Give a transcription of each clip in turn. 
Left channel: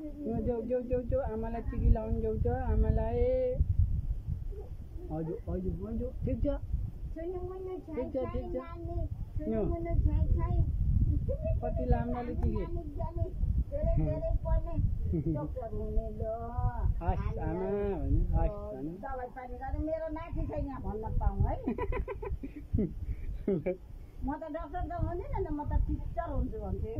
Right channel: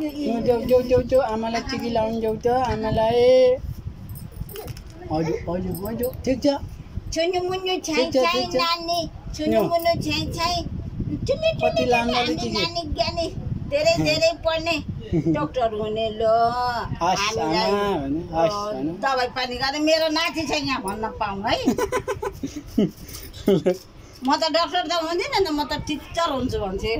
जाऊ जाऊ जाऊ आमालाई टिकी लाउनु जाऊ त आमालाई हजुर हजुर हजुर ठिक छ छुनु मुनु छाइ छाइ नानी छुनु मुनु छाइ छाइ कति लामले टिकी नानी ज्ञानी धेरै धेरै पढ्ने डाक्टर हुने ल हस् आमा भने हस् भने दबाई पानी गरे मेरो नाति छ यहाँ भन्न पाऊँ है म त डाक्टर त हुँदिन नि म त टिचर हुन्छु भन्थे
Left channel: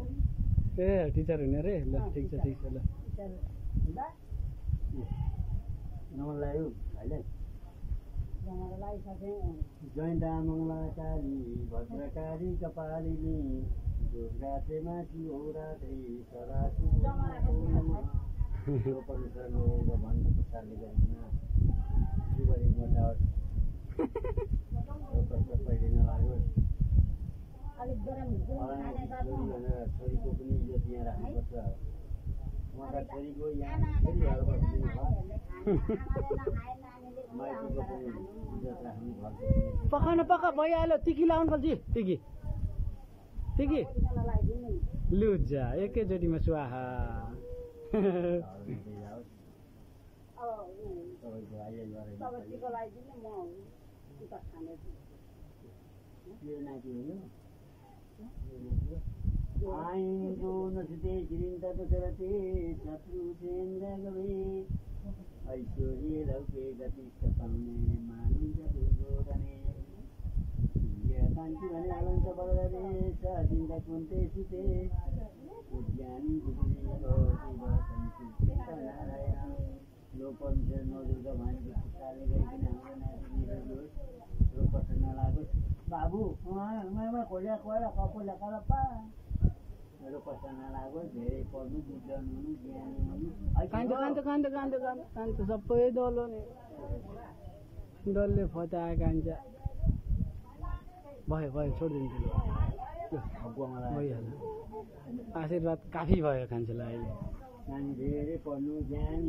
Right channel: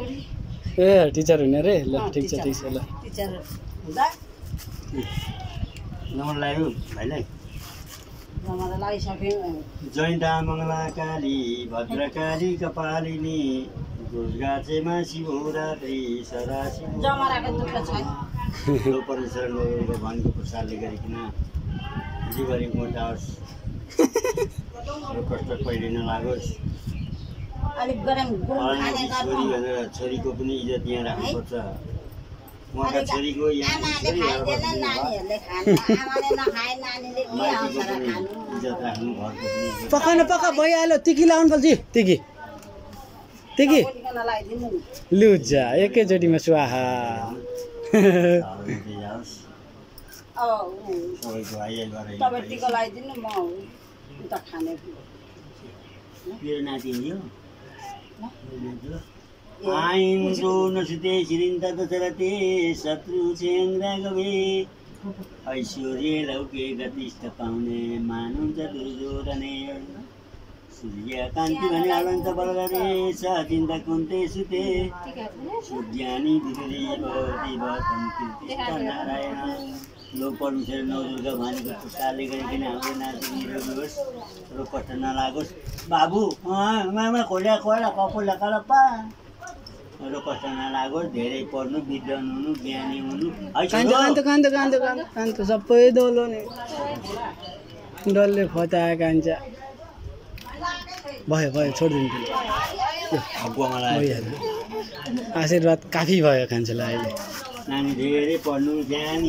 ए टिचर हुने रे ल ठिक छ ल टिचर हुँदा नम्बर लाग्यो भाइलाई नम्बर लगाइसक्यो जयन्ता मङ्गला काली भद्रकाली कपालिनी दुर्गाचेमा शिवरात्रि सदा जमराको दुःख छैन परमेश्वरको भगवानको प्रसादले गरिकन जीवनी मोटाओस् कष्ट कहिले नलागोस् अलिक गरम गुरु खाने छोरी भनेर छोरीको पनि इज्जत यहाँ राख्नुपर्छ उहाँका छोरीको यहाँ नानीहरूले खानु आमाले नखाए नानीले के आउँछ र खानु इज्जत राख्नु घरको पनि पकाउन पका भइहाल्यो टिकी लाउनु पर्छ टिकी टिकी लुजा एकैचोटिमा स्वाहा तपाईँ टिका लगाइदिनु म उता खाने मेरो नाति हो आइन्द्रो नसुते छिरिन्ता दशरथे शत्रु चेन्द्र गवे ऐश्वर्य लौके गतिष्ठ पाउने मानुन्छ दुर्योधने सूर्य कान्ति भने अनन्त बलगरे सचिन्ता कुन्ते सुते सूर्यानी दिदेव देव संकीर्तिष्ठ नारायण लोक परमेश्वर नवदुर्गा भनेको पुस्ताले गरिकन हाम्रो नाति निरोगी होस् रोग कष्ट नलागोस् बाबु मामा खोला खोला कपो लगाएर पा रोग कष्ट नलागोस् धेरै पढ्नु विद्वान हुनु ज्ञानी हुनु कान्छ सबै डल्लो नि डल्ले फताए कान्छ भयो भयो छोडिदिनु भइहाल्यो आशीर्वाद काफी भयो कान्छलाई अहिले नानी धेरै पढ्नु ज्ञानी